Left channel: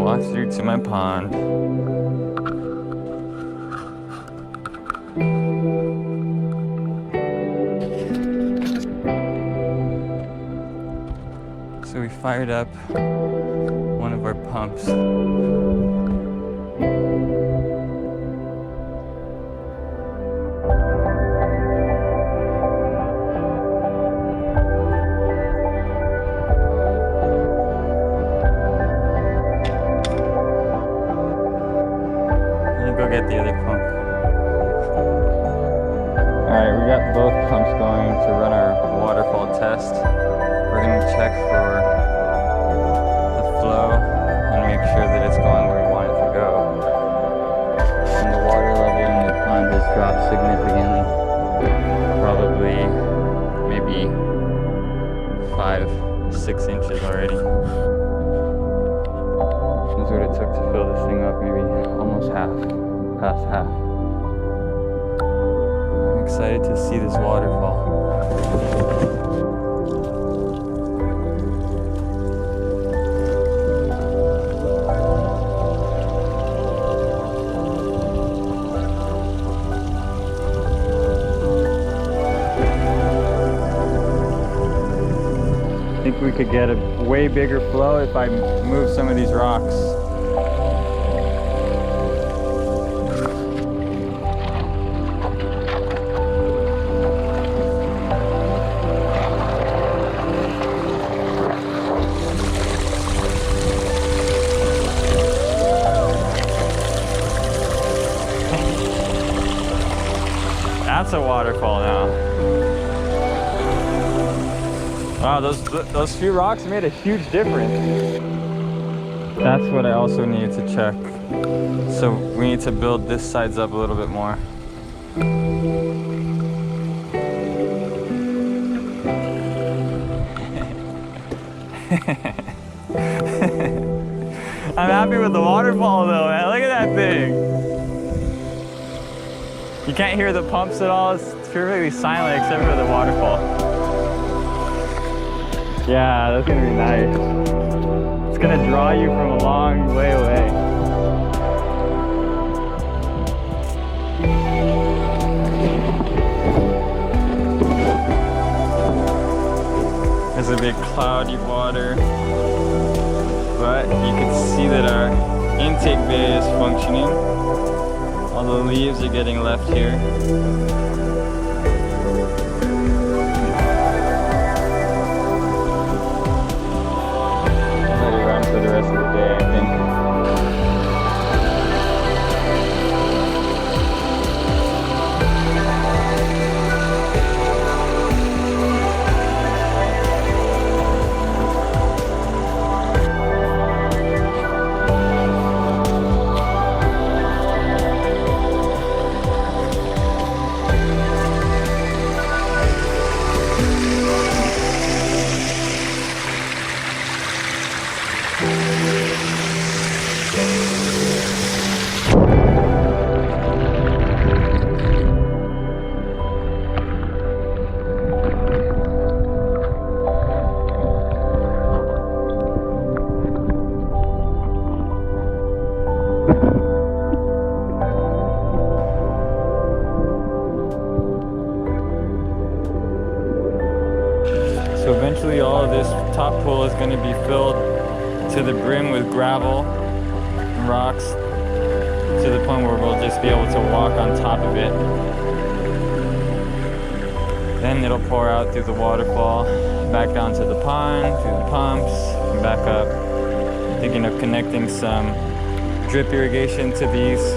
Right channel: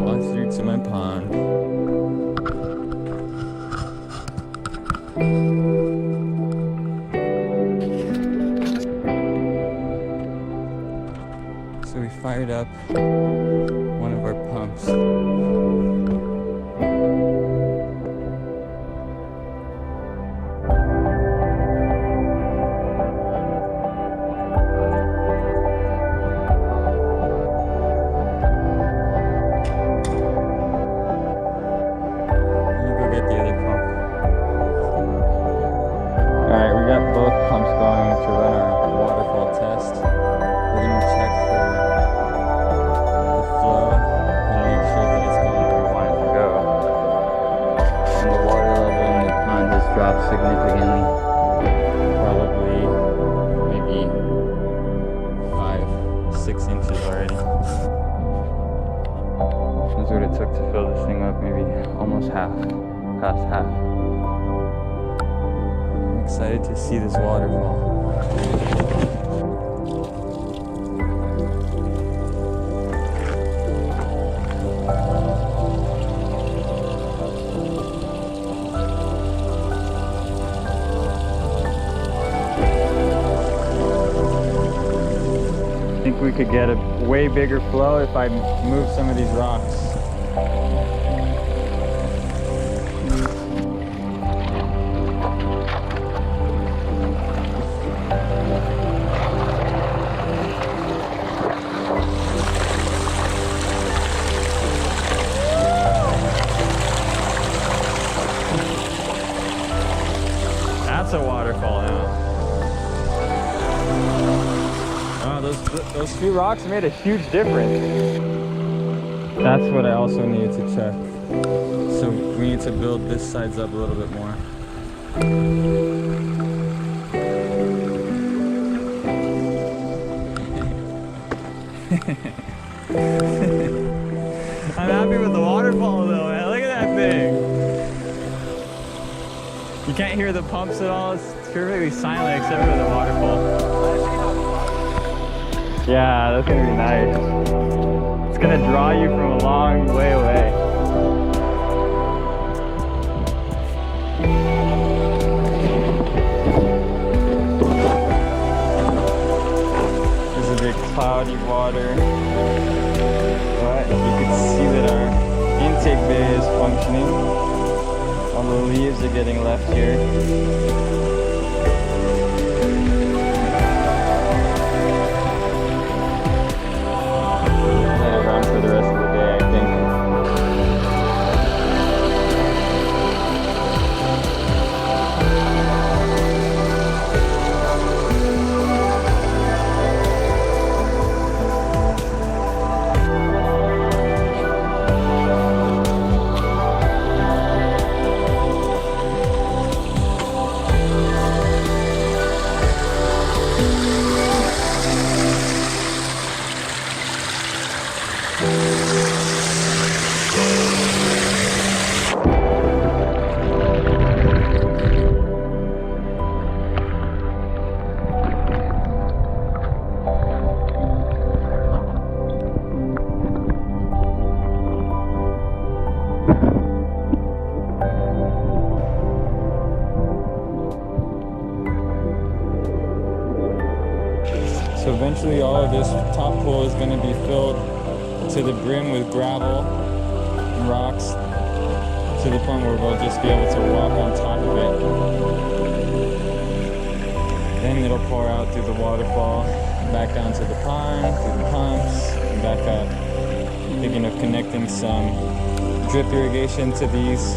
and walk through to my pond. So we fired up one of our pumps. Go get the other pump. Alright, we got both pumps going to run our waterfall test. We're going to check for the flow and make sure that it's going where we want it to go. And the water level in the pond has dropped significantly. Probably maybe 5-6 inches already. That's what it took to fill this thing up, maybe almost past half. I'm excited to see this waterfall. I think we could get a way bigger flow if I move some of these rocks. That's a waterfall now. Wow, those few rocks made a huge difference. That's what I also needed to check. So we need to build this sides up a little bit more. I'm happy with the waterfall though, man. Look at that thing. You can't hear the pumps at all. It's perfectly silent except for the waterfall. Yeah, that's gonna be nice. It's gonna draw you from a long way away. There's a big cloudy water, but you can see that our intake bay is functioning. All the leaves are getting left here. Let it run for the rest of the day, I think. So eventually all of this top pool is going to be filled to the brim with gravel and rocks to the point where we'll just be able to walk on top of it. Then it'll pour out through the waterfall, back down to the pond, through the pumps, and back up. Thinking of connecting some drip irrigation to these